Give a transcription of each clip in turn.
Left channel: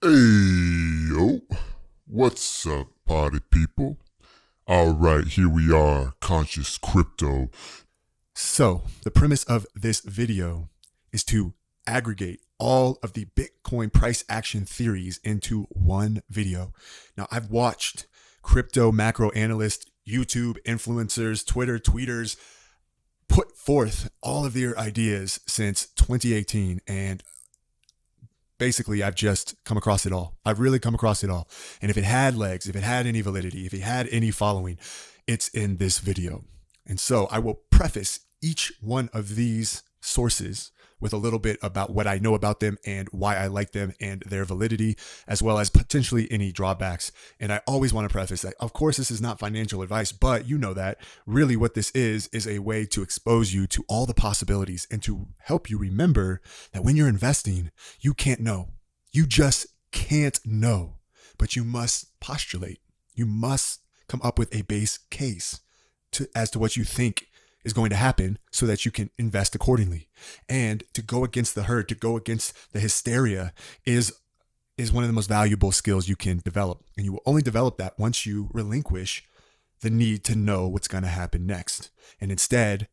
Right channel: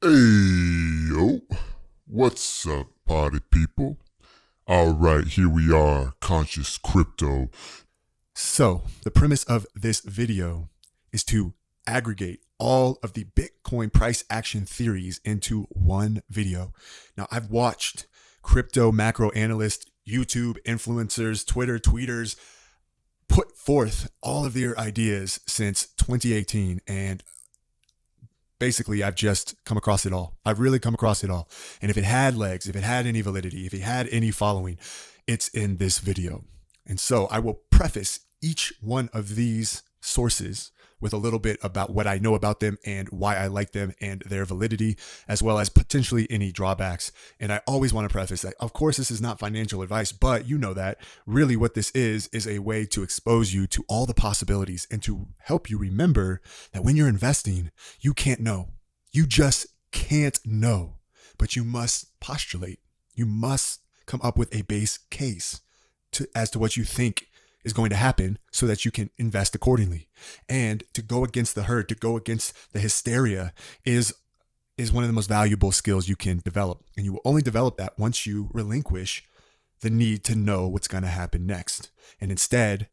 Hey, yo. What's up, party people? Alright, here we are, Conscious Crypto. So, the premise of this video is to aggregate all of the Bitcoin price action theories into one video. Now, I've watched crypto macro analysts, YouTube influencers, Twitter tweeters put forth all of their ideas since 2018, and basically I've just come across it all. I've really come across it all. And if it had legs, if it had any validity, if it had any following, it's in this video. And so I will preface each one of these sources with a little bit about what I know about them and why I like them and their validity, as well as potentially any drawbacks. And I always want to preface that, of course, this is not financial advice, but you know that really what this is a way to expose you to all the possibilities and to help you remember that when you're investing, you can't know. You just can't know, but you must postulate. You must come up with a base case as to what you think is going to happen so that you can invest accordingly. And to go against the herd, to go against the hysteria is one of the most valuable skills you can develop. And you will only develop that once you relinquish the need to know what's going to happen next. And instead,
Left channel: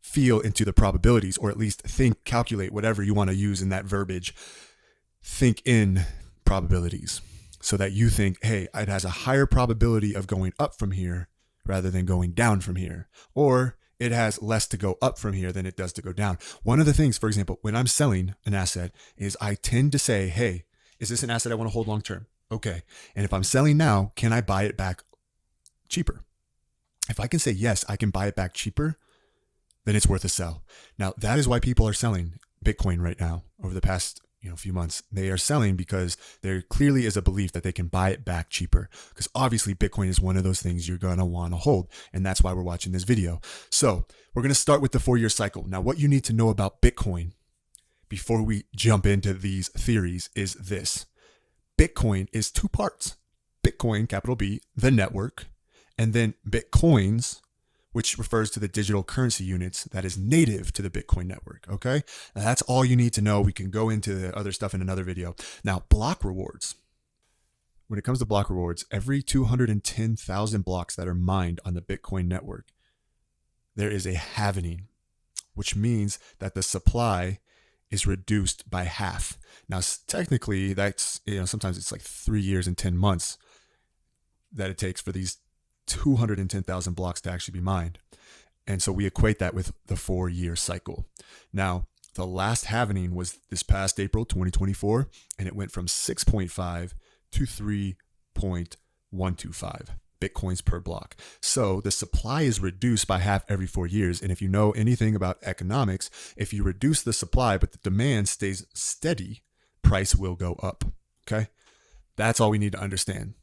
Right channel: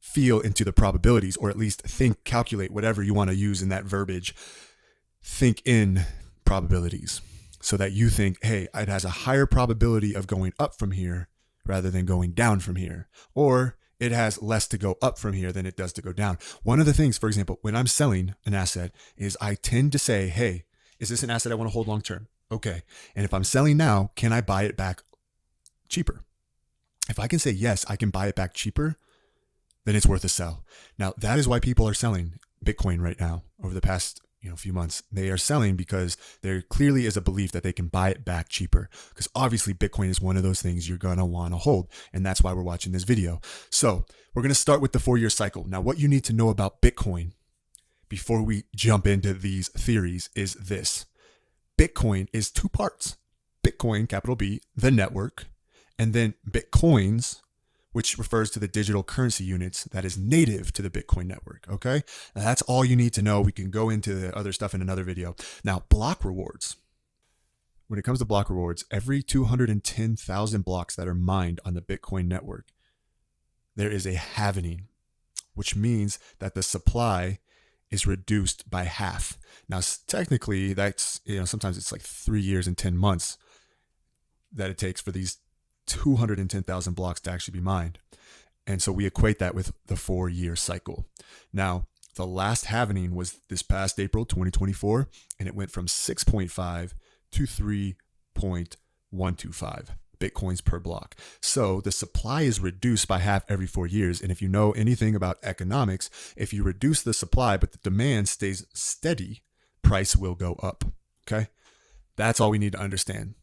feel into the probabilities, or at least think, calculate, whatever you want to use in that verbiage. Think in probabilities so that you think, hey, it has a higher probability of going up from here rather than going down from here. Or it has less to go up from here than it does to go down. One of the things, for example, when I'm selling an asset is I tend to say, hey, is this an asset I want to hold long term? Okay. And if I'm selling now, can I buy it back cheaper? If I can say, yes, I can buy it back cheaper, then it's worth a sell. Now, that is why people are selling Bitcoin right now over the past few months. They are selling because there clearly is a belief that they can buy it back cheaper, because obviously Bitcoin is one of those things you're going to want to hold. And that's why we're watching this video. So we're going to start with the 4-year cycle. Now, what you need to know about Bitcoin before we jump into these theories is this. Bitcoin is 2 parts. Bitcoin, capital B, the network, and then Bitcoins, which refers to the digital currency units that is native to the Bitcoin network, okay? Now that's all you need to know. We can go into the other stuff in another video. Now, block rewards. When it comes to block rewards, every 210,000 blocks that are mined on the Bitcoin network, there is a halvening, which means that the supply is reduced by half. Now, technically, that's, sometimes it's like 3 years and 10 months that it takes for these 210,000 blocks to actually be mined. And so we equate that with the 4-year cycle. Now, the last halvening was this past April 2024, and it went from 6.5 to 3.125 Bitcoins per block. So the supply is reduced by half every 4 years. And if you know anything about economics, if you reduce the supply but the demand stays steady, price will go up. Okay? That's all we need to understand.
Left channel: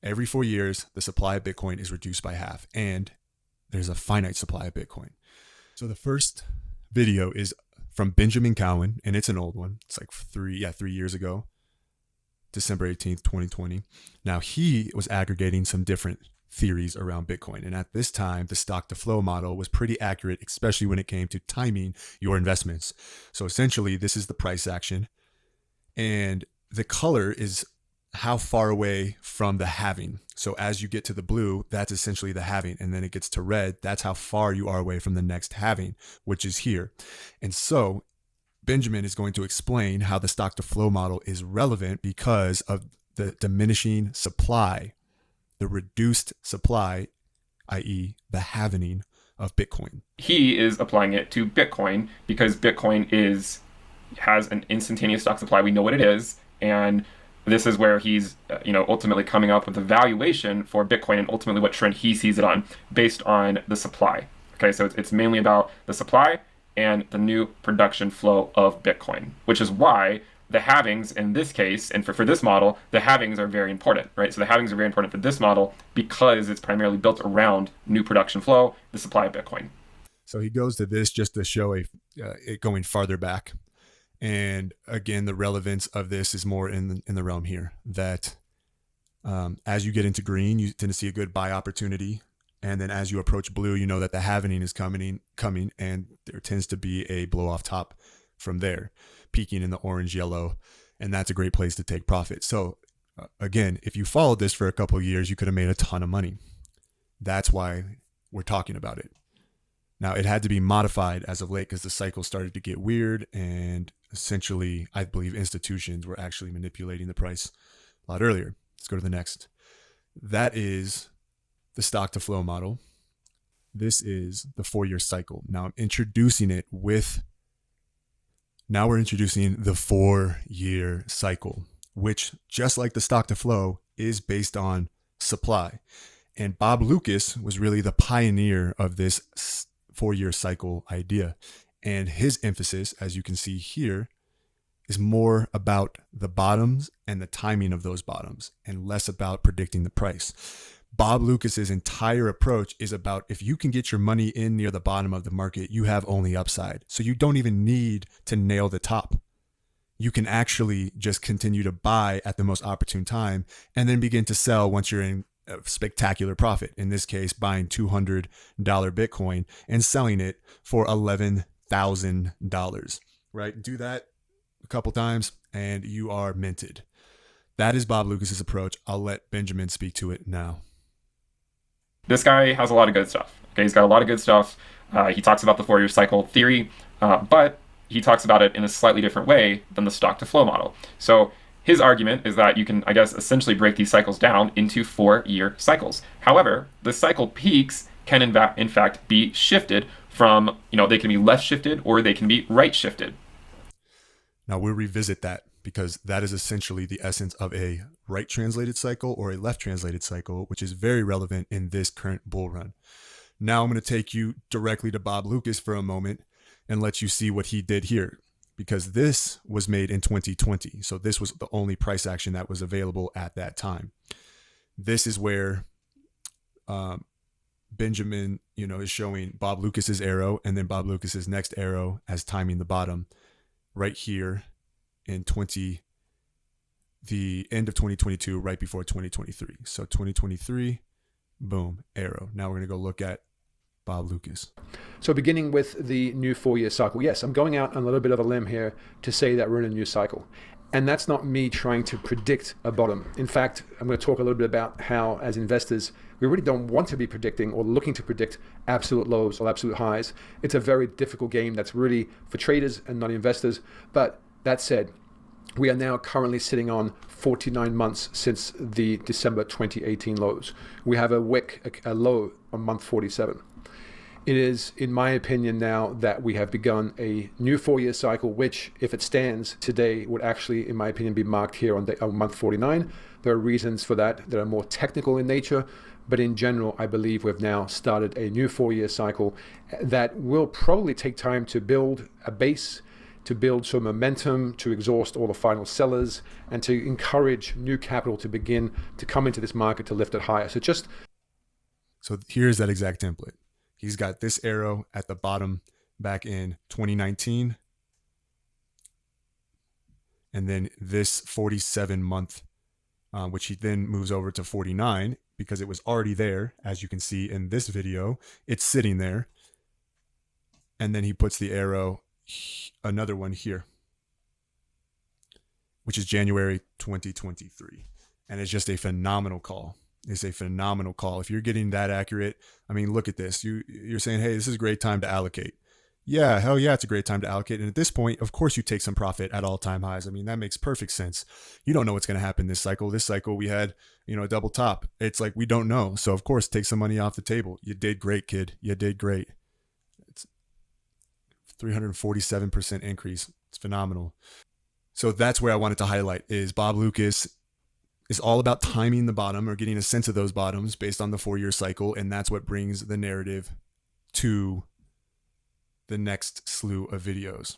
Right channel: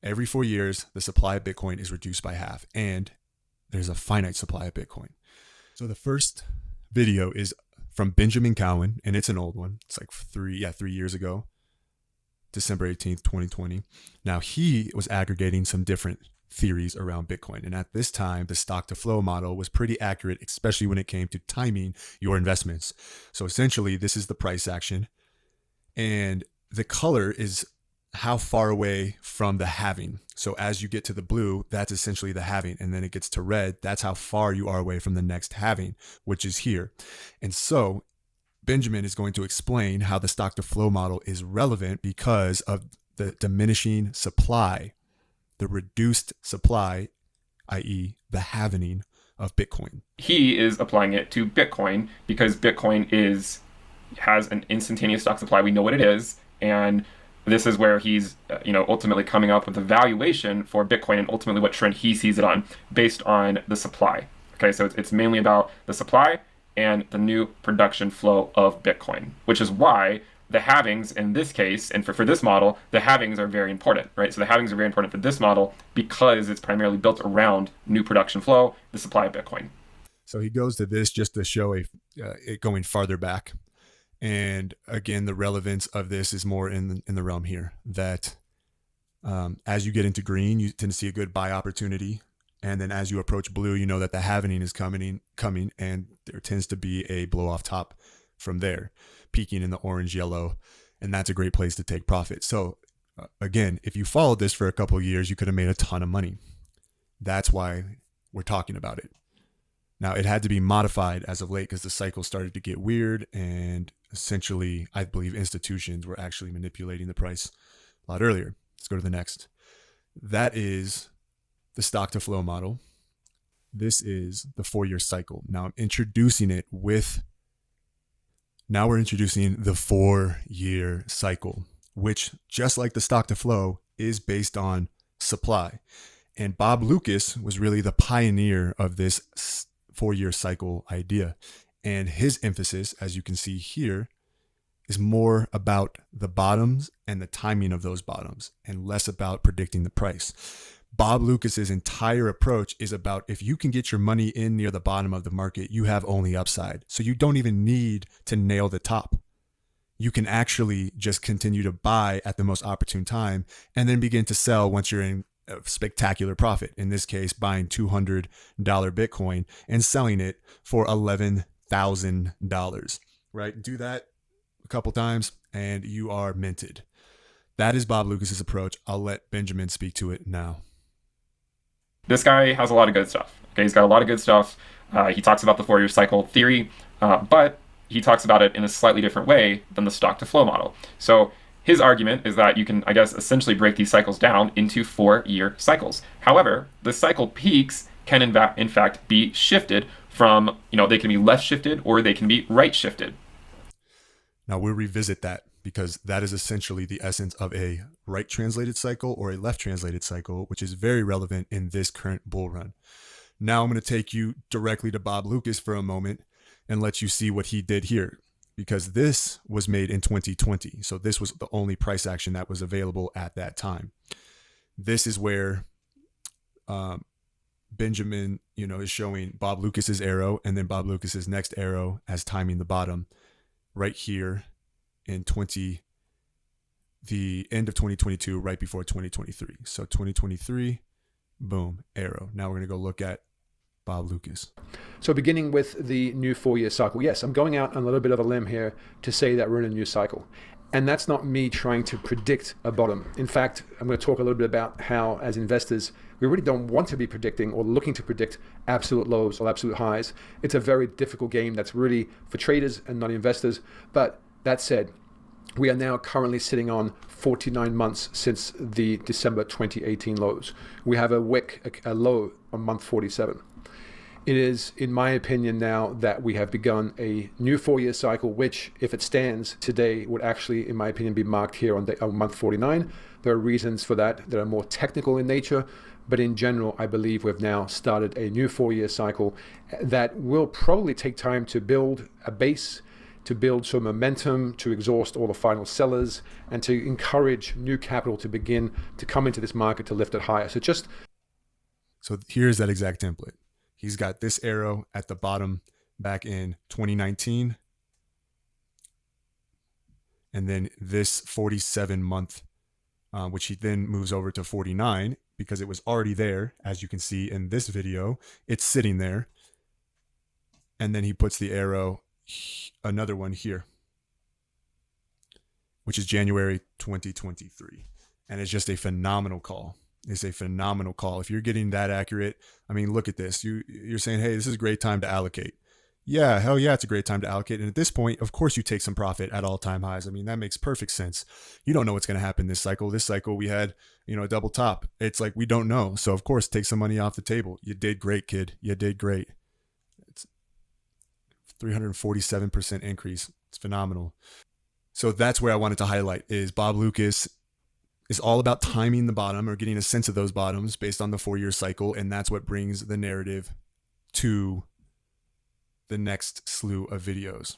Every 4 years, the supply of Bitcoin is reduced by half, and there's a finite supply of Bitcoin. So the first video is from Benjamin Cowan, and it's an old one. It's like 3 years ago, December 18th, 2020. Now, he was aggregating some different theories around Bitcoin, and at this time, the stock to flow model was pretty accurate, especially when it came to timing your investments. So essentially, this is the price action, and the color is how far away from the halving. So as you get to the blue, that's essentially the halving. And then it gets to red. That's how far you are away from the next halving, which is here. And so Benjamin is going to explain how the stock to flow model is relevant because of the diminishing supply, the reduced supply, i.e. the halvening of Bitcoin. He is applying it to Bitcoin because Bitcoin has an instantaneous stock supply. We know what it is. And this is where he's, ultimately coming up with a valuation for Bitcoin and ultimately what trend he sees it on based on the supply. Okay, so it's mainly about the supply and the new production flow of Bitcoin, which is why the halvings in this case, and for this model, the halvings are very important, right? So the halvings are very important for this model because it's primarily built around new production flow, the supply of Bitcoin. So he goes to this just to show it going farther back. And again, the relevance of this is more in the realm here that as you get into green, you tend to see a good buy opportunity. And then as you approach blue, you know that the halvening is coming, and there tends to be a blow off top from there, peaking in the orange, yellow, And that's a great place to take profit. So again, if you followed this for a couple of years, you could have made a ton of money. That's why we're talking about it. Now, it had to be modified as of late because the cycle started to get weird, and essentially, I believe institutions were actually manipulating the price a lot earlier. Let's go to the next. That is the stock to flow model. This is the 4-year cycle. Now I'm introducing it with, now we're introducing the 4-year cycle, which just like the stock to flow is based on supply. And Bob Lucas was really the pioneer of this 4-year cycle idea. And his emphasis, as you can see here, is more about the bottoms and the timing of those bottoms and less about predicting the price. Bob Lucas's entire approach is about if you can get your money in near the bottom of the market, you have only upside. So you don't even need to nail the top. You can actually just continue to buy at the most opportune time and then begin to sell once you're in a spectacular profit. In this case, buying $200 Bitcoin and selling it for $11,000, right? Do that a couple times and you are minted. That is Bob Lucas's approach. I'll let Benjamin speak to it now. This guy has a lot of good stuff. Okay, he's got a lot of good stuff. He talks about the 4-year cycle theory, but he talks about it in a slightly different way than the stock to flow model. So his argument is that you can, I guess, essentially break these cycles down into 4-year cycles. However, the cycle peaks can in fact be shifted from, they can be left shifted or they can be right shifted. Now we'll revisit that because that is essentially the essence of a right translated cycle or a left translated cycle, which is very relevant in this current bull run. Now I'm going to take you directly to Bob Lucas for a moment and let you see what he did here, because this was made in 2020. So this was the only price action that was available at that time. This is where Benjamin, is showing Bob Lucas's arrow and then Bob Lucas's next arrow as timing the bottom right here in the end of 2022, right before 2023. So 2023, boom, arrow. Now we're going to go look at Bob Lucas. So beginning with the new 4-year cycle, yes, I'm going out on a little bit of a limb here to say that we're in a new cycle. And that's not me trying to predict a bottom. In fact, I'm going to talk a little bit about how, as investors, we really don't want to be predicting or looking to predict absolute lows or absolute highs. It's a very difficult game that's really for traders and not investors. But that said, we are now currently sitting on 49 months since the December 2018 lows. We have a wick, a low on month 47. It is, in my opinion now, that we have begun a new 4-year cycle, which, if it stands today, would actually, in my opinion, be marked here on month 49. There are reasons for that that are more technical in nature, but in general, I believe we've now started a new 4-year cycle that will probably take time to build a base, to build some momentum, to exhaust all the final sellers, and to encourage new capital to begin to come into this market to lift it higher. So here's that exact template. He's got this arrow at the bottom back in 2019. And then this 47 month, which he then moves over to 49 because it was already there. As you can see in this video, it's sitting there. And then he puts the arrow, another one here, which is January 2023. And it's just a phenomenal call. It's a phenomenal call. If you're getting that accurate, I mean, look at this. You're saying, hey, this is a great time to allocate. Yeah, hell yeah, it's a great time to allocate. And at this point, of course, you take some profit at all-time highs. I mean, that makes perfect sense. You don't know what's going to happen this cycle. This cycle, we had, a double top. It's like we don't know. So, of course, take some money off the table. You did great, kid. You did great. It's 347% increase. It's phenomenal. So that's where I wanted to highlight is Bob Lucas is all about timing the bottom or getting a sense of those bottoms based on the 4-year cycle. And that's what brings the narrative to the next slew of videos.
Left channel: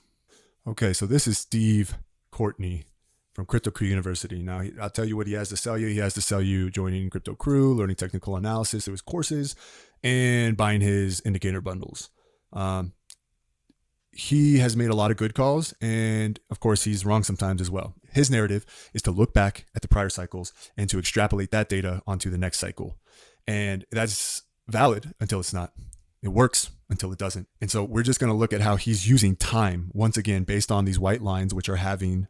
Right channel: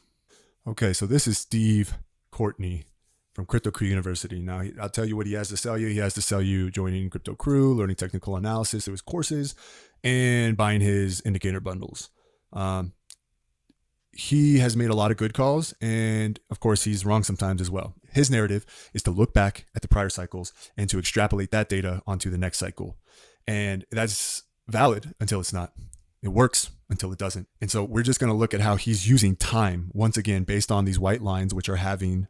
Okay, so this is Steve Courtney from Crypto Crew University. Now, I'll tell you what he has to sell you. He has to sell you joining Crypto Crew, learning technical analysis of his courses, and buying his indicator bundles. He has made a lot of good calls, and of course, he's wrong sometimes as well. His narrative is to look back at the prior cycles and to extrapolate that data onto the next cycle. And that's valid until it's not. It works until it doesn't. And so we're just going to look at how he's using time once again based on these white lines, which are having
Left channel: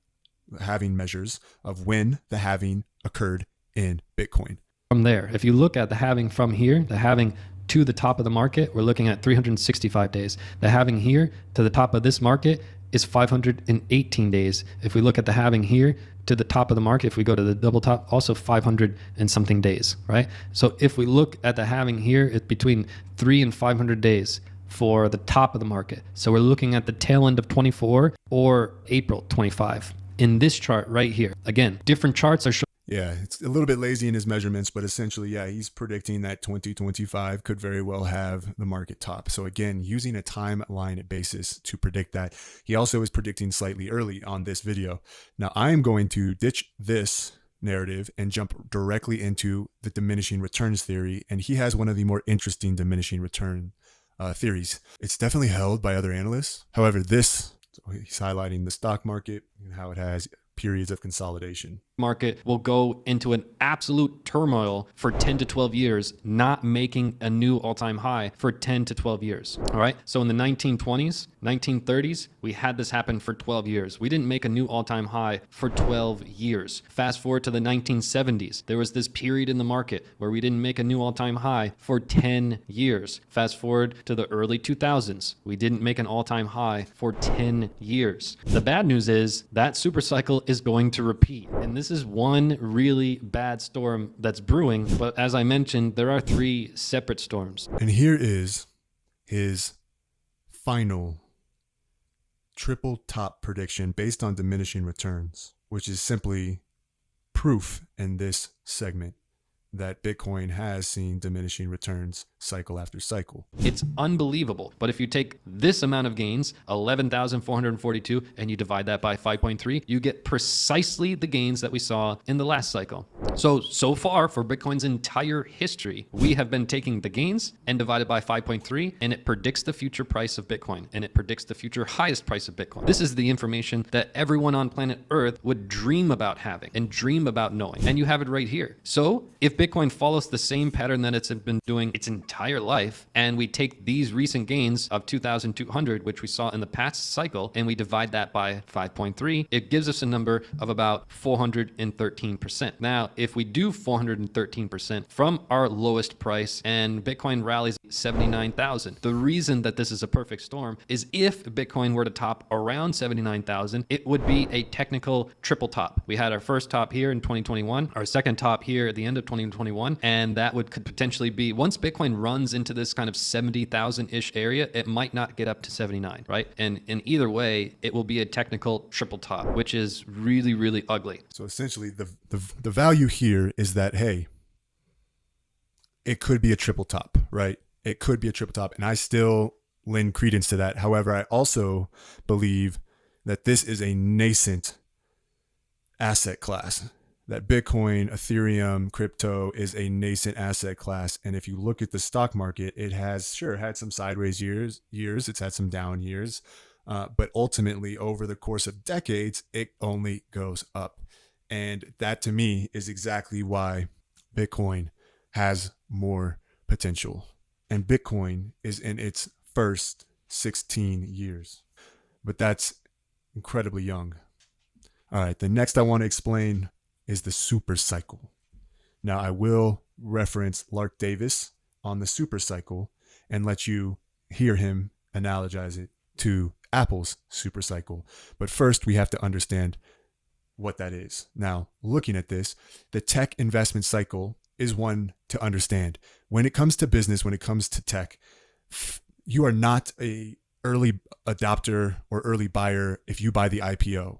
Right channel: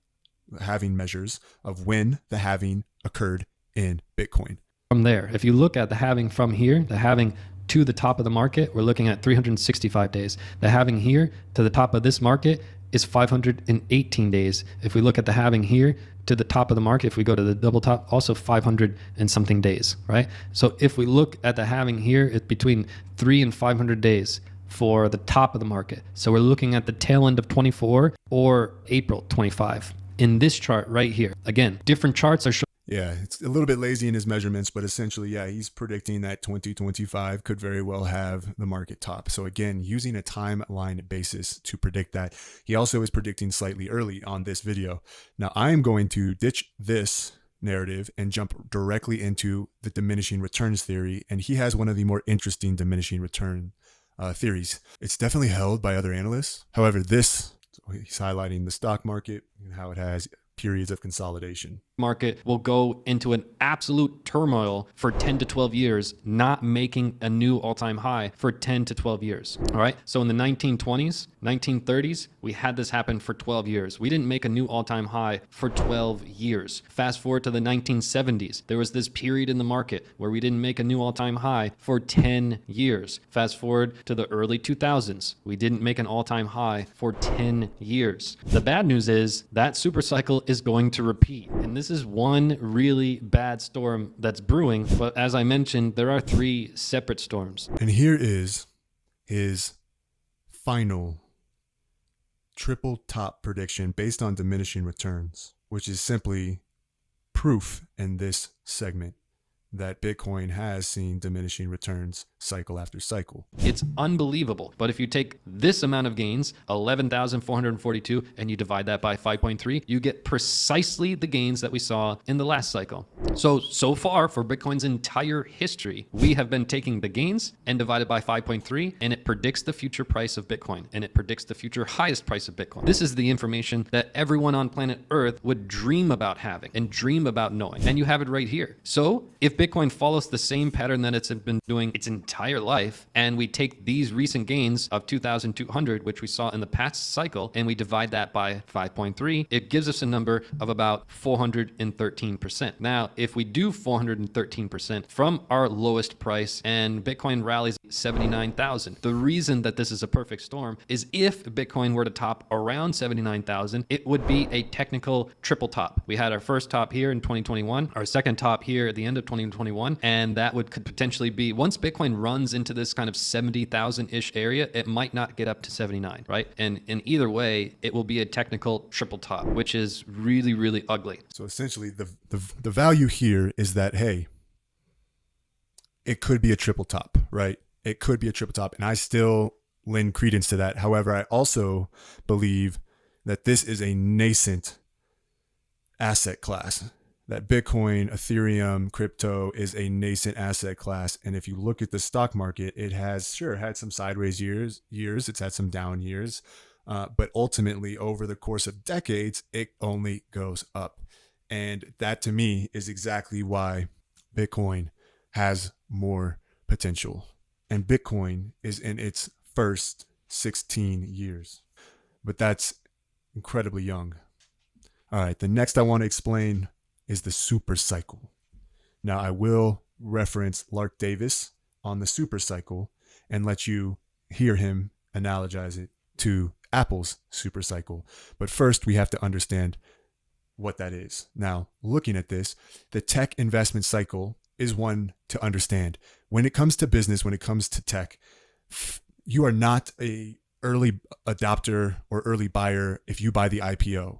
halving measures of when the halving occurred in Bitcoin. From there, if you look at the halving from here, the halving to the top of the market, we're looking at 365 days. The halving here to the top of this market is 518 days. If we look at the halving here to the top of the market, if we go to the double top, also 500 and something days, right? So if we look at the halving here, it's between 300 and 500 days for the top of the market. So we're looking at the tail end of 24 or April 25 in this chart right here. Again, different charts are showing. Yeah, it's a little bit lazy in his measurements, but essentially, yeah, he's predicting that 2025 could very well have the market top. So again, using a timeline basis to predict that. He also is predicting slightly early on this video. Now, I am going to ditch this narrative and jump directly into the diminishing returns theory. And he has one of the more interesting diminishing return theories. It's definitely held by other analysts. However, he's highlighting the stock market and how it has periods of consolidation. Market will go into an absolute turmoil for 10 to 12 years, not making a new all-time high for 10 to 12 years. All right. So in the 1920s, 1930s, we had this happen for 12 years. We didn't make a new all-time high for 12 years. Fast forward to the 1970s. There was this period in the market where we didn't make a new all-time high for 10 years. Fast forward to the early 2000s. We didn't make an all-time high for 10 years. The bad news is that super cycle is going to repeat. And this is one really bad storm that's brewing. But as I mentioned, there are 3 separate storms. And here is his final triple top prediction based on diminishing returns, which is simply proof in this segment that Bitcoin has seen diminishing returns cycle after cycle. It's unbelievable. But if you take this amount of gains, 11,442, and you divide that by 5.3, you get precisely the gains that we saw in the last cycle. So far for Bitcoin's entire history, we have been taking the gains and divided by 5.3, and it predicts the future price of Bitcoin, and it predicts the future highest price of Bitcoin. This is the information that everyone on planet Earth would dream about having and dream about knowing. And you have it right here. So if Bitcoin follows the same pattern that it's been doing its entire life, and we take these recent gains of 2,200, which we saw in the past cycle, and we divide that by 5.3, it gives us a number of about 413%. Now, if we do 413% from our lowest price and Bitcoin rallies 79,000, the reason that this is a perfect storm is if Bitcoin were to top around 79,000, it would be a technical triple top. We had our first top here in 2021, our second top here at the end of 2021, and that could potentially be, once Bitcoin runs into this kind of 70,000-ish area, it might not get up to 79, right? And in either way, it will be a technical triple top, which is really, really ugly. So essentially the value here is that, hey, it could be a triple top, right? It could be a triple top. And I still lend credence to that. However, I also believe that this is a nascent asset class. That Bitcoin, Ethereum, crypto is a nascent asset class. And if you look at the stock market, it has, sure, had some sideways years. It's had some down years. But ultimately, over the course of decades, it only goes up. And that, to me, is exactly why Bitcoin has more potential. And Bitcoin is in its first 16 years. But that's incredibly young. All right, the next I want to explain is the super cycle. Now, I will reference Lark Davis on the super cycle and let you hear him analogize it to Apple's super cycle. But first, we have to understand what that is. Now, looking at this, the tech investment cycle is one to understand. When it comes to business, when it comes to tech, you are not an early adopter or early buyer if you buy the IPO,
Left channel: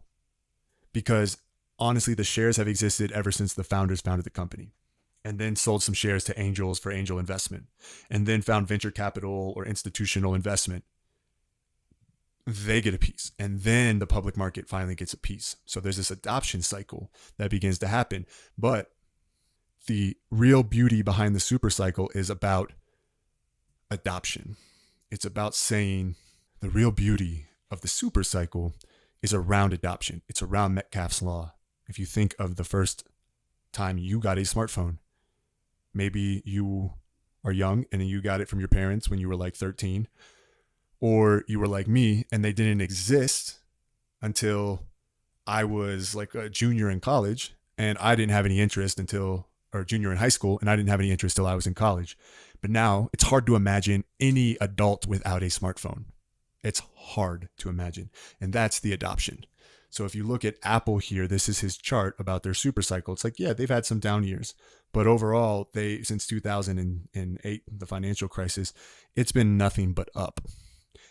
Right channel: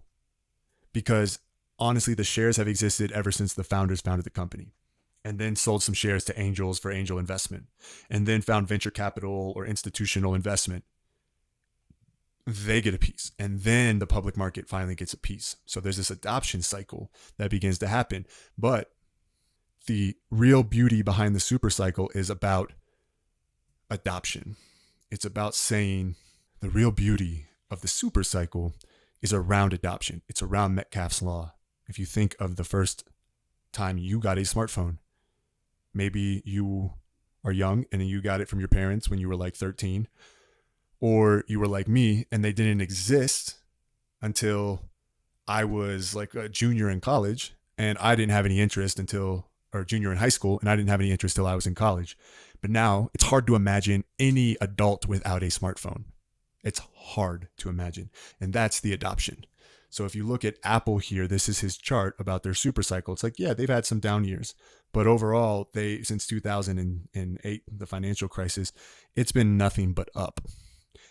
because honestly, the shares have existed ever since the founders founded the company, and then sold some shares to angels for angel investment, and then found venture capital or institutional investment. They get a piece, and then the public market finally gets a piece. So there's this adoption cycle that begins to happen. But the real beauty behind the super cycle is about adoption. It's about saying the real beauty of the super cycle is around adoption. It's around Metcalfe's law. If you think of the first time you got a smartphone, maybe you are young and you got it from your parents when you were like 13, or you were like me and they didn't exist until I was like a junior in college and I didn't have any interest until, or junior in high school, and I didn't have any interest till I was in college. But now it's hard to imagine any adult without a smartphone. It's hard to imagine. And that's the adoption. So if you look at Apple here, this is his chart about their super cycle. It's like, yeah, they've had some down years, but overall, since 2008, the financial crisis, it's been nothing but up.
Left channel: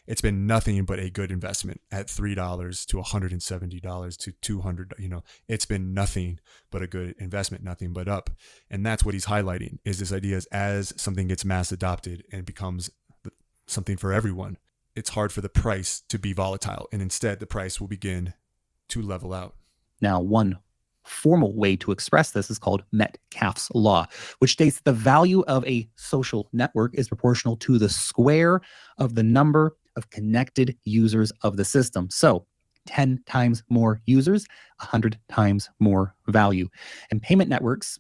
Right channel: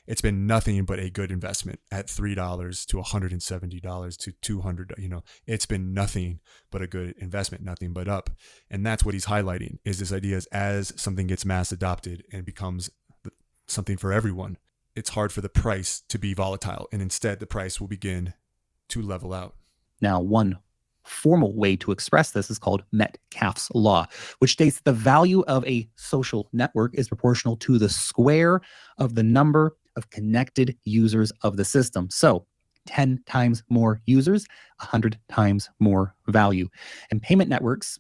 It's been nothing but a good investment at $3 to $170 to $200. It's been nothing but a good investment, nothing but up. And that's what he's highlighting, is this idea is as something gets mass adopted and becomes something for everyone, it's hard for the price to be volatile. And instead, the price will begin to level out. Now, one formal way to express this is called Metcalfe's law, which states that the value of a social network is proportional to the square of the number of connected users of the system. So 10 times more users, 100 times more value. And payment networks,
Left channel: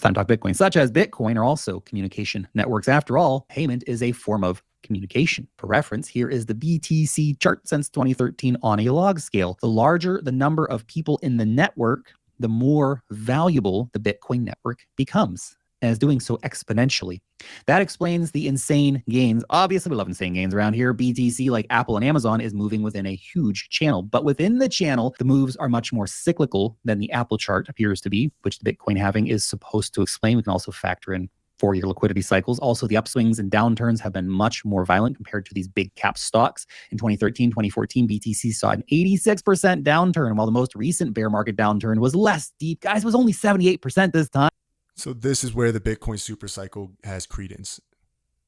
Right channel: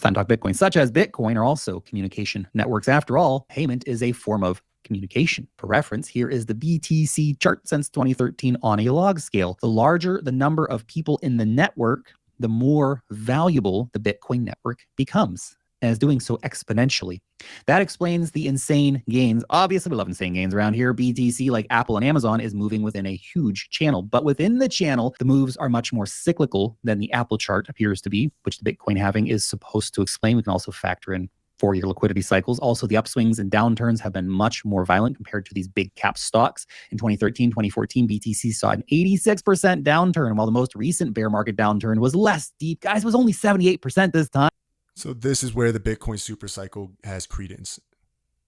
time to talk Bitcoin, such as Bitcoin, are also communication networks. After all, payment is a form of communication. For reference, here is the BTC chart since 2013 on a log scale. The larger the number of people in the network, the more valuable the Bitcoin network becomes, and is doing so exponentially. That explains the insane gains. Obviously, we love insane gains around here. BTC, like Apple and Amazon, is moving within a huge channel. But within the channel, the moves are much more cyclical than the Apple chart appears to be, which the Bitcoin halving is supposed to explain. We can also factor in 4-year liquidity cycles. Also, the upswings and downturns have been much more violent compared to these big cap stocks. In 2013, 2014, BTC saw an 86% downturn, while the most recent bear market downturn was less deep. Guys, it was only 78% this time. So this is where the Bitcoin super cycle has credence,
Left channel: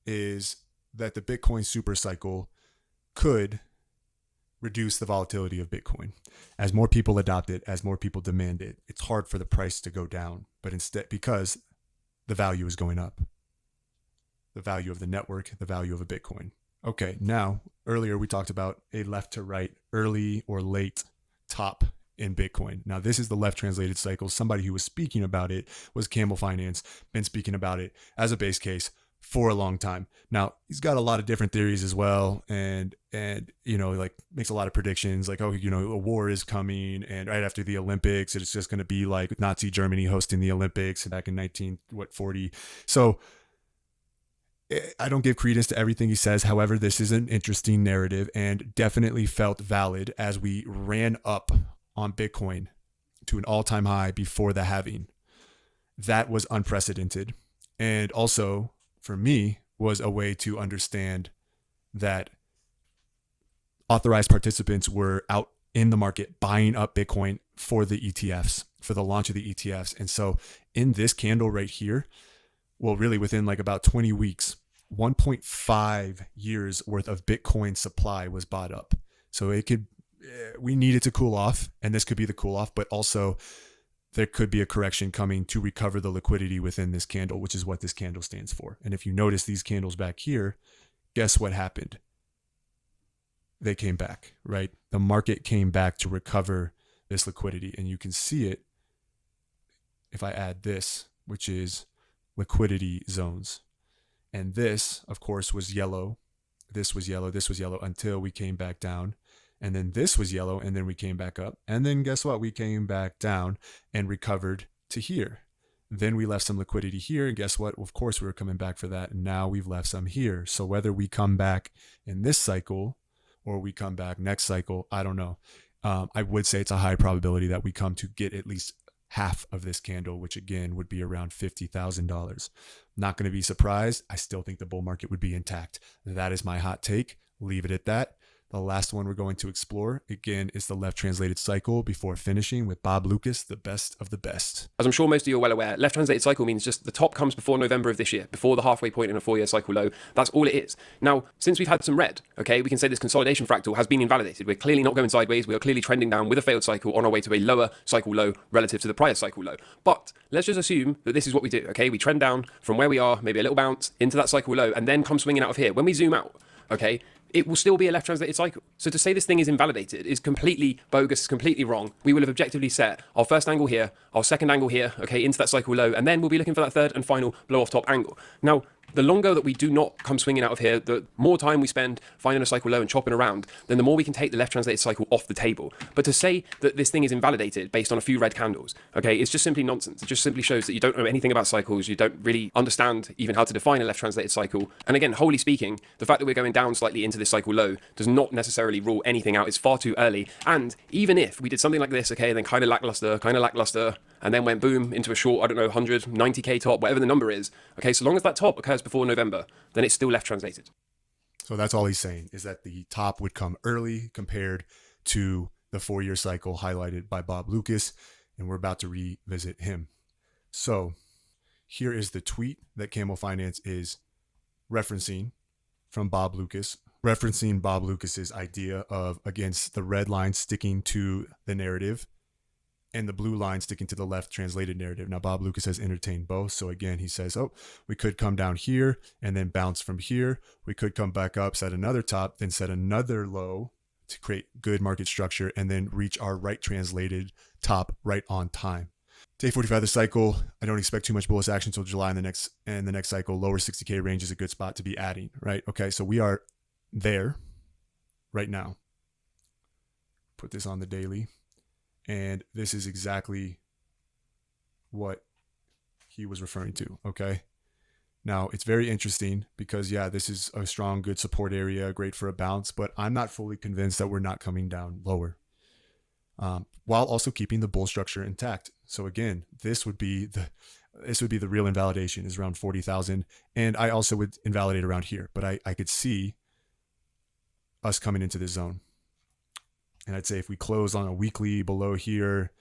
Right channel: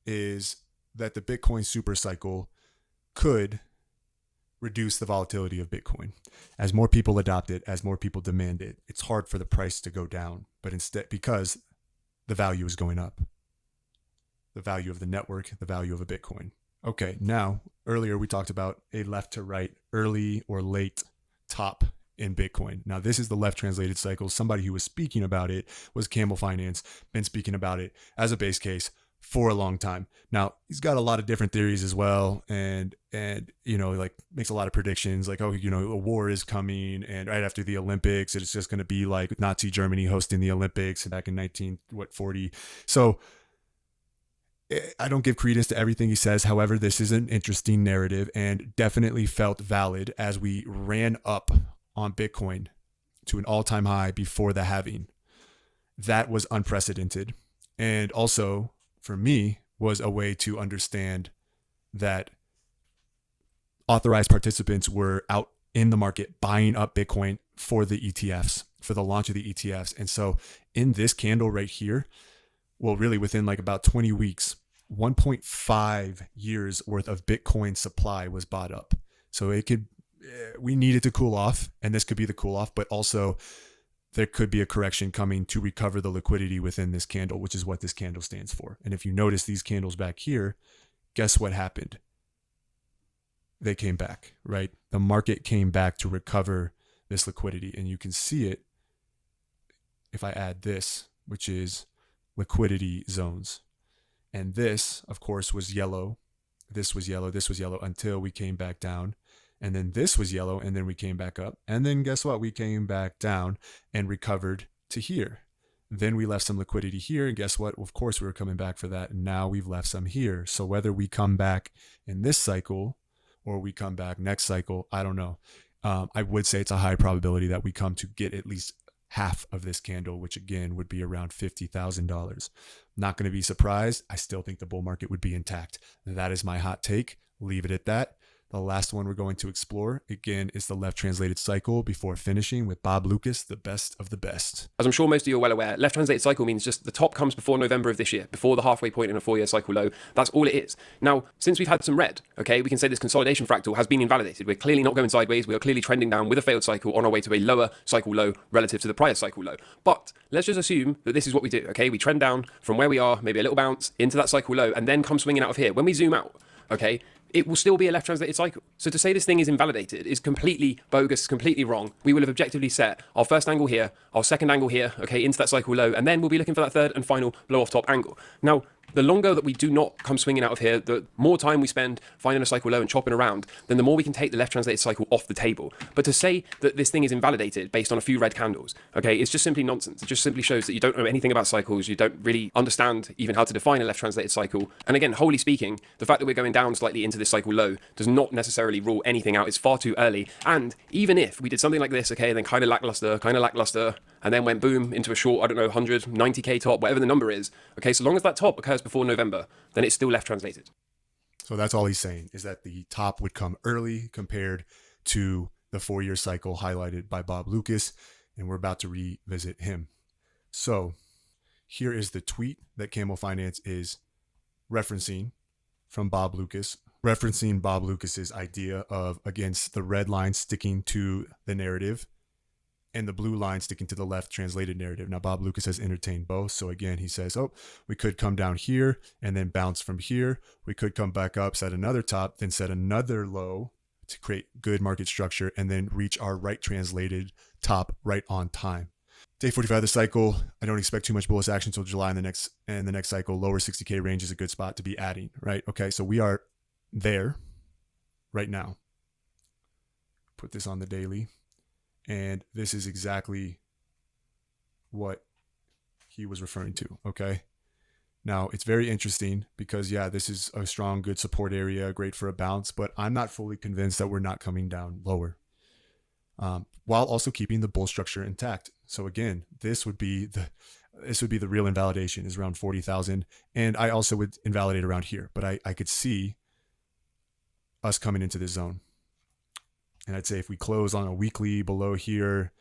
is that the Bitcoin super cycle could reduce the volatility of Bitcoin. As more people adopt it, as more people demand it, it's hard for the price to go down, but instead, because the value is going up. The value of the network, the value of a Bitcoin. Okay, now, earlier we talked about a left to right, early or late top in Bitcoin. Now, this is the left translated cycle. Somebody who was speaking about it was Camel Finance, been speaking about it as a base case for a long time. Now, he's got a lot of different theories as well, and like makes a lot of predictions, like, a war is coming, and right after the Olympics, it's just going to be like Nazi Germany hosting the Olympics back in 1940. So I don't give credence to everything he says. However, this is an interesting narrative and definitely felt valid as we ran up on Bitcoin to an all-time high before the halving. That was unprecedented, and also, for me, was a way to understand that authorized participants were out in the market buying up Bitcoin for the ETFs, for the launch of the ETFs. And so in this candle right here, well, really within like about 20 weeks, 1.5 years worth of Bitcoin supply was bought up. So we needed to cool off, and this could be the cool off, but also there could be a correction coming to recover the liquidity within this candle, which is what this candle stands for. And if you notice these candles back here, guess what happened? They came back, right? The market came back to recover this liquidity. And you can see it if I add this, which is liquidity zones. And this, of course, was yellow. This was yellow. This was yellow until we came back down. And then this was yellow, and then we came back up. And then guess what? We came back down and recovered to here. Then we left some liquidity here, and guess what? Well, of course, we were coming back for that, and now we've left some here. So whether we come back in this cycle or we come back next cycle, I don't know. I would say it's a high probability that we come to get at least half of this candle, which again would be around $50,000. Not going to be surprised. I still think the bull market would be intact. That is my hot take. Leave it at that. The last one we're going to explore, again, is the left translated cycle before finishing with Bob Lucas, the best of the best. As I'm sure most of you are well aware, left translated cycle means just the top comes before November of this year, before the halfway point in a 4-year cycle low. That's all it is. Now, since we've had some red, okay, we can say this consolidation fractal has been invalidated. We're clearly not going sideways. We are clearly trending down with a failed cycle on our way to a lower cycle low relative to the prior cycle low. But let's just assume that this is what we do, okay? We trend down from where we are, maybe a little bounce into that cycle low, and then come swinging out of here. When we zoom out, okay, it will still be a left translated cycle. So to say this thing is invalidated is completely bogus, completely wrong. We will have objectively set our first angle here, our second angle here, okay, into that cycle low, and then we'll be looking for that third and final blow off top angle. Now, the longer that we do not come swinging out of here, the more time we spend finding a cycle low and chopping around, then the more we can take the left translated cycle off the table. But to say that this thing is invalidated based on a few red candles, okay, it's just simply nonsense. It just simply shows that you don't know anything about cycles. You don't really understand even how to define a left translated cycle. And again, wholly speaking, the fact that we're going down slightly into this cycle low does not necessarily rule anything out. It's far too early. And even if we did something like this, okay, then kind of lackluster, and then went boom into a short, I don't know, 190k top, whatever the number is, okay, so long as that top occurs before November, then it's still left translated. So that's all he's saying, is that the top would come early compared to the 4-year cycle highlighted by Bob Lucas, and we're about to revisit him. So here is the tweet that Camel Finance is referencing from Bob Lucas, referencing Bob Lucas's idea of, against the red line sticking to the narrative and the blue line sticking to the left translated narrative. Now, Bob Lucas has entertained both. So again, he says, oh, we could come down here and then bounce from here. We could come back up, set another top, then set another low to create good market structure, and then reach our right translated top right on time. Day 45 of the cycle, I don't expect too much bullish action until July, and the next cycle, lower 60K range is a good spot to be adding, right? Okay, so we are there right now. Put this on the daily. And this is exactly what he was referring to, okay? Now, it's very interesting because, yeah, this is a strong, good support area, great for a bounce, but I'm not fully convinced that we're not coming down lower, while also keeping the bull structure intact. So again, this would be the real invalidation, is around 40,000. And I also would invalidate around here, but I could see us coming into this zone. And I'd say if we close on a weekly below here,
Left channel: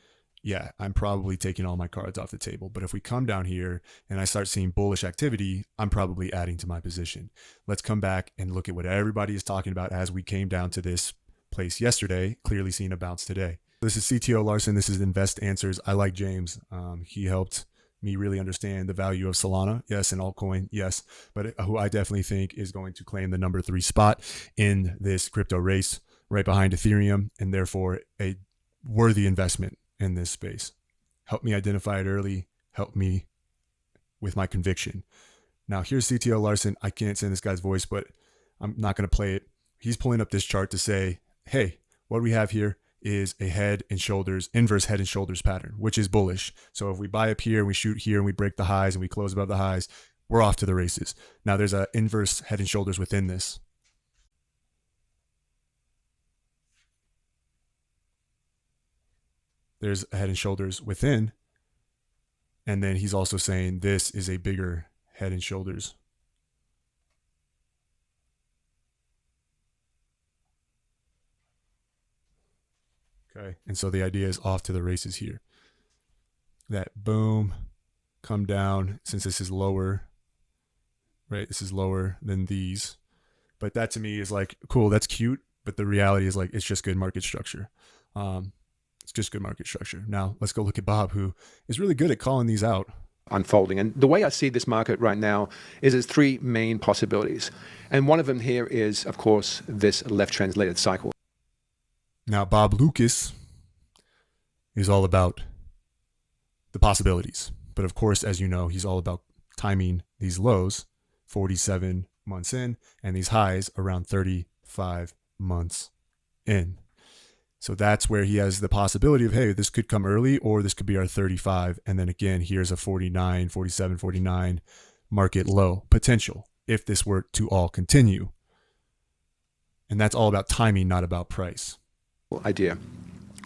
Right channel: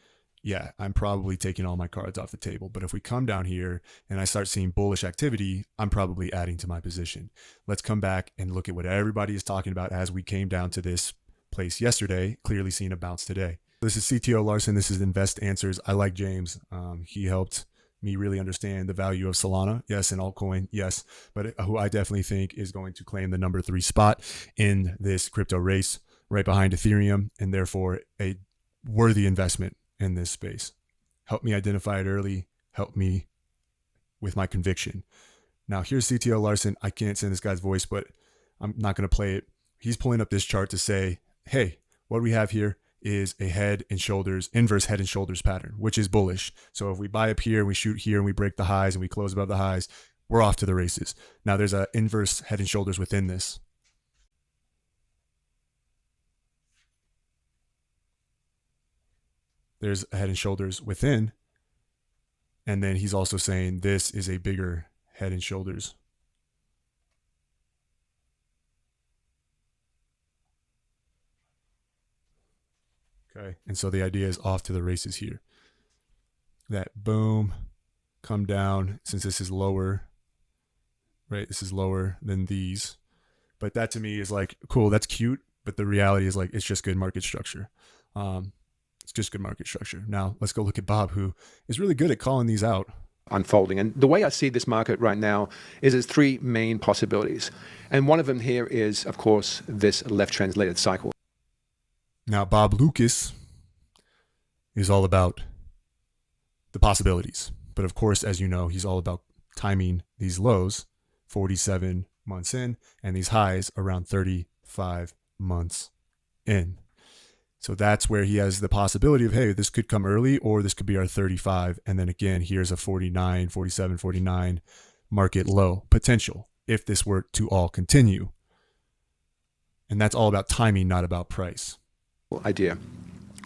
yeah, I'm probably taking all my cards off the table. But if we come down here and I start seeing bullish activity, I'm probably adding to my position. Let's come back and look at what everybody is talking about as we came down to this place yesterday, clearly seeing a bounce today. This is CTO Larson. This is Invest Answers. I like James. He helped me really understand the value of Solana. Yes, and altcoin. Yes. But who I definitely think is going to claim the number 3 spot in this crypto race, right behind Ethereum, and therefore a worthy investment in this space. Help me identify it early. Help me with my conviction. Now, here's CTO Larson. I can't say this guy's voice, but I'm not going to play it. He's pulling up this chart to say, hey, what we have here is a head and shoulders, inverse head and shoulders pattern, which is bullish. So if we buy up here, we shoot here, and we break the highs, and we close above the highs, we're off to the races. Now, there's an inverse head and shoulders within this. There's a head and shoulders within. And then he's also saying this is a bigger head and shoulders. Okay. And so the idea is off to the races here. That boom, come down, since this is lower, right? This is lower than these. But that to me is like, cool, that's cute. But the reality is like, it's just good market structure. It's just good market structure. Now, let's go look at Bob, who is really good at calling these out. Unfolding. And the way I see this market right now is there's 3 main possibilities. And one of them here is, of course, this left translated cycle. Now, Bob Lucas is all about the possibilities. But of course, as you know, he's all about timing these lows 47 months in and these highs around 35 months in. So that's where he has the possibility of, hey, this could come early or this could be our 35. And then again, here's a 49, 47, 49 market low potential if this were to all continue. And that's all about timing, not about price. Idea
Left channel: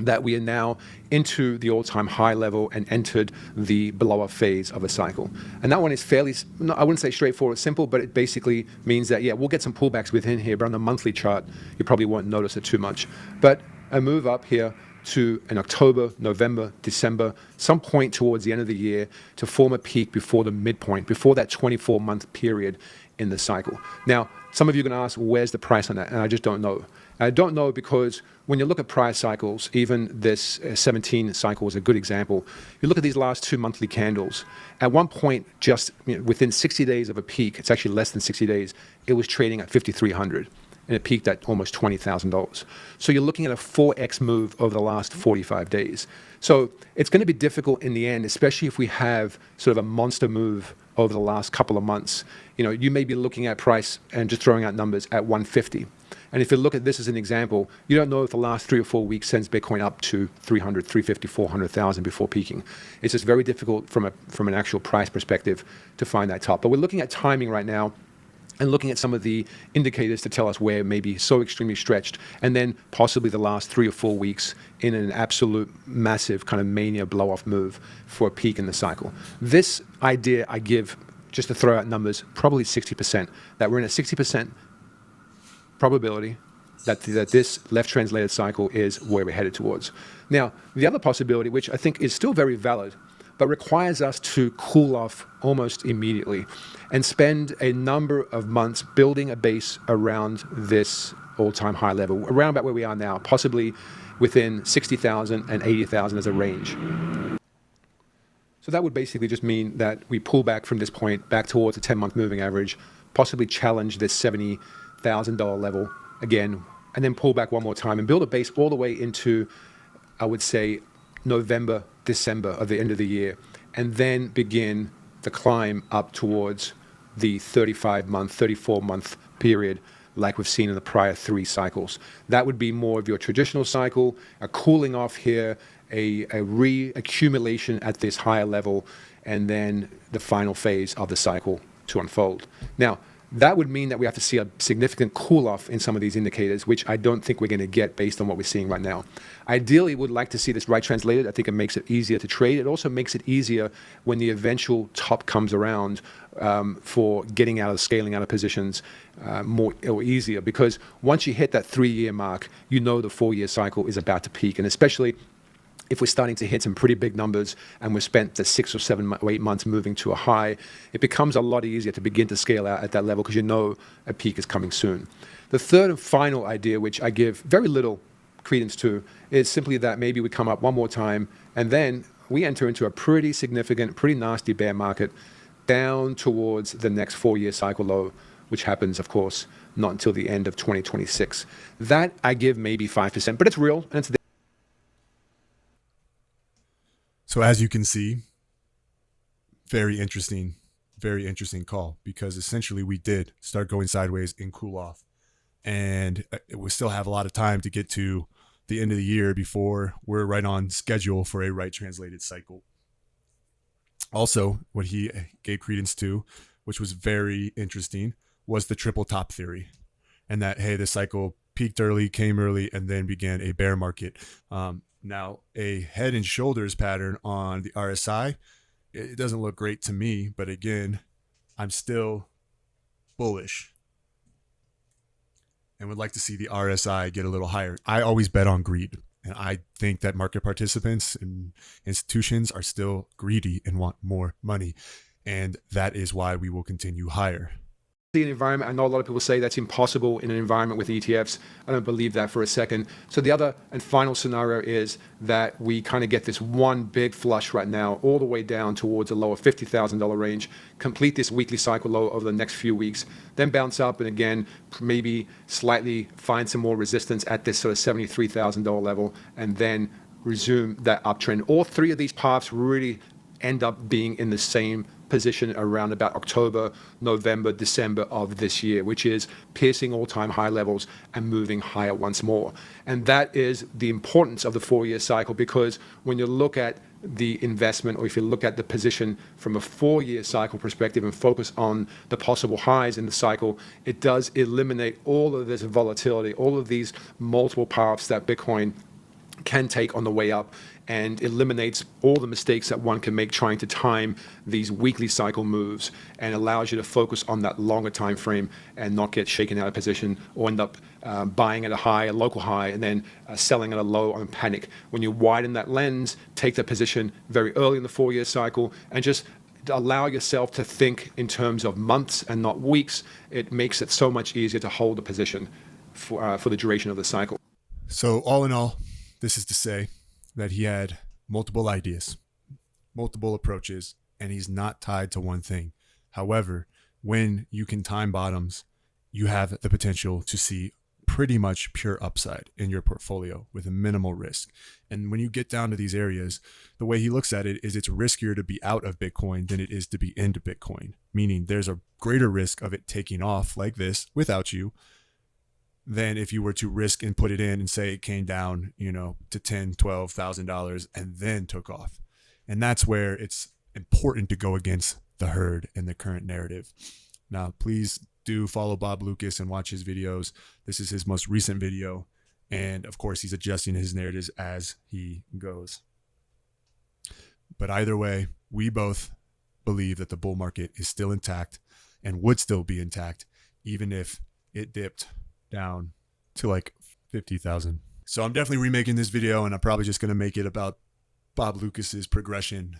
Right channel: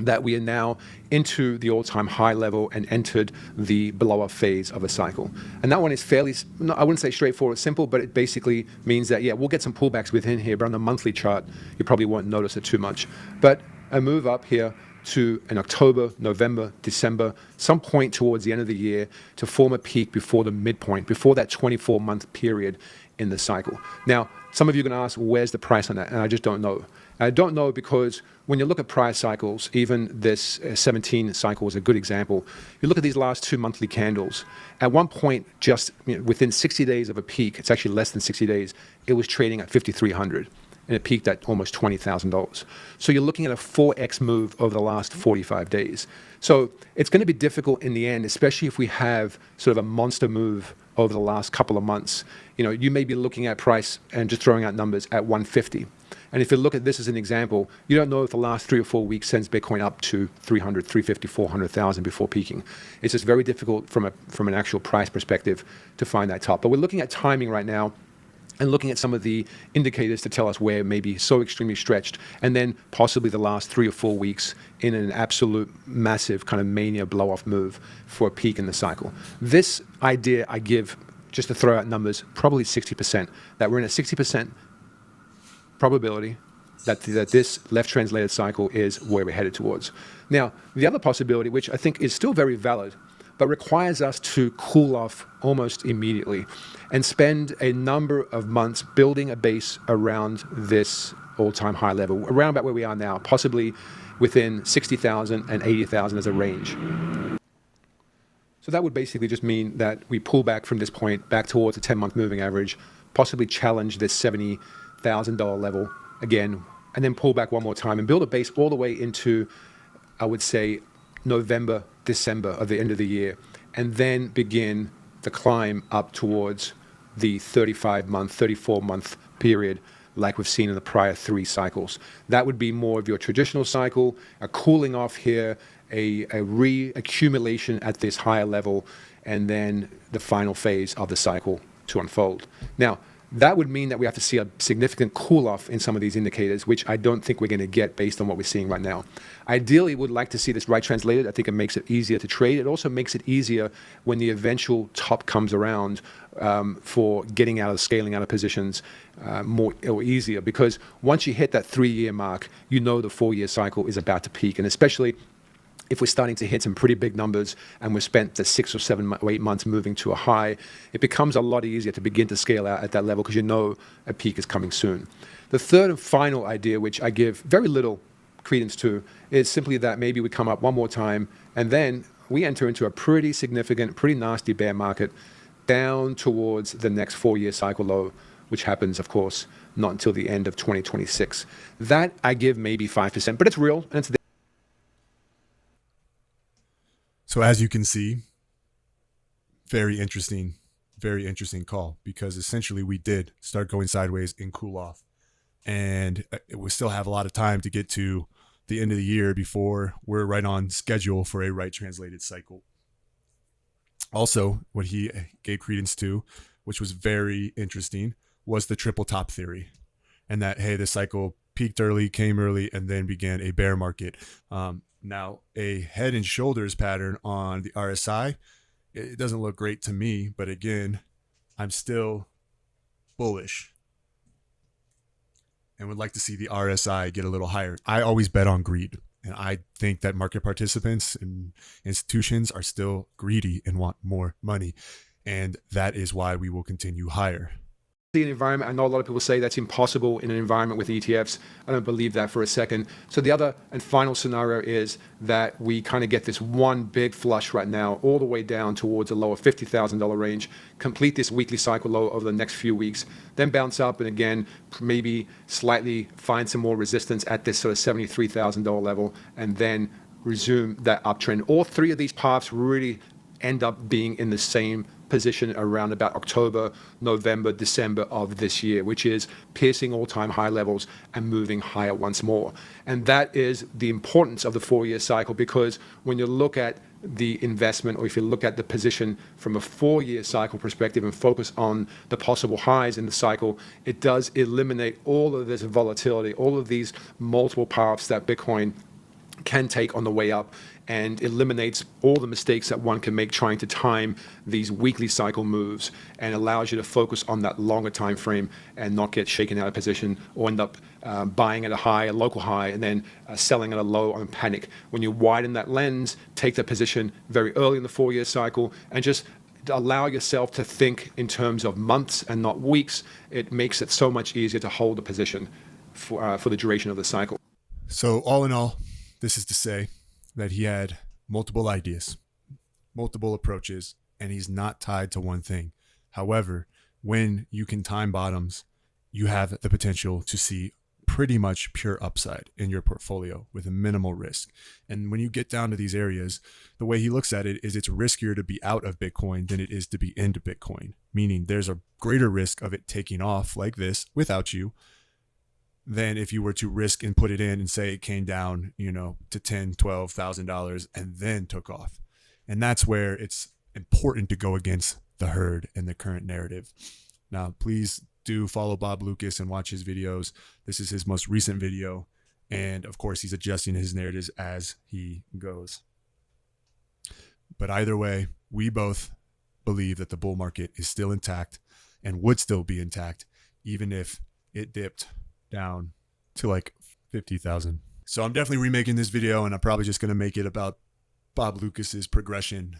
that we are now into the all-time high level and entered the below phase of a cycle. And that one is fairly, I wouldn't say straightforward, simple, but it basically means that, yeah, we'll get some pullbacks within here, but on the monthly chart, you probably won't notice it too much. But a move up here to an October, November, December, some point towards the end of the year to form a peak before the midpoint, before that 24-month period in the cycle. Now, some of you are going to ask, where's the price on that? And I just don't know. I don't know because when you look at prior cycles, even this 17 cycle is a good example. You look at these last 2 monthly candles. At one point, just within 60 days of a peak, it's actually less than 60 days, it was trading at 5,300. and it peaked at almost $20,000. So you're looking at a 4x move over the last 45 days. So it's going to be difficult in the end, especially if we have sort of a monster move over the last couple of months. You know, you may be looking at price and just throwing out numbers at 150. And if you look at this as an example, you don't know if the last 3 or 4 weeks sends Bitcoin up to 300, 350, 400,000 before peaking. It's just very difficult from an actual price perspective to find that top. But we're looking at timing right now and looking at some of the indicators to tell us where it may be so extremely stretched, and then possibly the last 3 or 4 weeks in an absolute massive kind of mania blow-off move for a peak in the cycle. This idea I give, just to throw out numbers, probably 60%, that we're in a 60% probability that this left translated cycle is where we're headed towards. Now, the other possibility, which I think is still very valid, but requires us to cool off almost immediately and spend a number of months building a base around this all-time high level, around about where we are now, possibly within 60,000 and 80,000 as a range. So that would basically just mean that we pull back from this point back towards a 10-month moving average, possibly challenge this $70,000 level again, and then pull back one more time and build a base all the way into, I would say, November, December of the end of the year, and then begin the climb up towards the 35-month, 34-month period like we've seen in the prior 3 cycles. That would be more of your traditional cycle, a cooling off here, a reaccumulation at this higher level, and then the final phase of the cycle to unfold. Now, that would mean that we have to see a significant cool-off in some of these indicators, which I don't think we're going to get based on what we're seeing right now. Ideally, we'd like to see this right translated. I think it makes it easier to trade. It also makes it easier when the eventual top comes around for getting out of scaling out of positions more or easier, because once you hit that 3-year mark, you know the 4-year cycle is about to peak, and especially if we're starting to hit some pretty big numbers and we've spent the 6 or 7 or 8 months moving to a high, it becomes a lot easier to begin to scale out at that level because you know a peak is coming soon. The third and final idea, which I give very little credence to, is simply that maybe we come up one more time and then we enter into a pretty significant, pretty nasty bear market down towards the next 4-year cycle low, which happens, of course, not until the end of 2026. That I give maybe 5%, but it's real and it's there. So as you can see, very interesting call, because essentially we did start going sideways and cool off, and we still have a lot of time to get to the end of the year before we're right on schedule for a right translated cycle. Also, what he gave credence to, which was very interesting, was the triple top theory, and that, hey, the cycle peaked early, came early, and then began a bear market. Now, a head and shoulders pattern on the RSI, it doesn't look great to me, but again, I'm still bullish and would like to see the RSI get a little higher. I always bet on greed, and I think that market participants and institutions are still greedy and want more money, and that is why we will continue higher. An environment, I know a lot of people say that's impossible in an environment with ETFs. I don't believe that for a second. So the other and final scenario is that we kind of get this one big flush right now all the way down towards a lower $50,000 range, complete this weekly cycle low over the next few weeks, then bounce up and again maybe slightly find some more resistance at this sort of $73,000 level, and then resume that uptrend. All 3 of these paths really end up being in the same position around about October, November, December of this year, which is piercing all-time high levels and moving higher once more. And that is the importance of the 4-year cycle, because when you look at the investment, or if you look at the position from a 4-year cycle perspective and focus on the possible highs in the cycle, it does eliminate all of this volatility, all of these multiple paths that Bitcoin can take on the way up, and eliminates all the mistakes that one can make trying to time these weekly cycle moves, and allows you to focus on that longer time frame and not get shaken out of position or end up buying at a high, a local high, and then selling at a low on panic. When you widen that lens, take that position very early in the 4-year cycle and just allow yourself to think in terms of months and not weeks, it makes it so much easier to hold a position for the duration of the cycle. So all in all, this is to say that he had multiple ideas, multiple approaches, and he's not tied to one thing. However, when you can time bottoms you have the potential to see pretty much pure upside in your portfolio with a minimal risk. And when you get down to these areas, the way he looks at it is it's riskier to be out of Bitcoin than it is to be into Bitcoin, meaning there's a greater risk of it taking off like this without you than if you were to risk and put it in and say it came down, to $10,000, $12,000 and then took off. And that's where it's important to go against the herd and the current narrative. Now, please do follow Bob Loukas and watch his videos. This is his most recent video. And of course, he's adjusting his narratives as he goes. But either way, we both believe that the bull market is still intact and would still be intact, even if it dipped down to like 50,000. So I'm definitely remaking this video, and I'm probably just going to make it about Bob Loukas' progression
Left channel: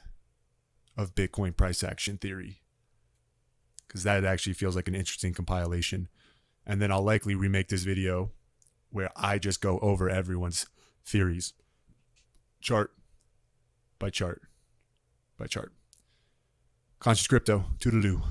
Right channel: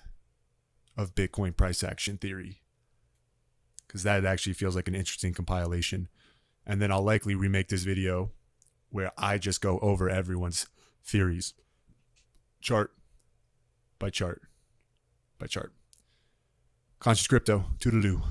of Bitcoin price action theory, because that actually feels like an interesting compilation. And then I'll likely remake this video where I just go over everyone's theories, chart by chart by chart. Conscious Crypto, toodaloo.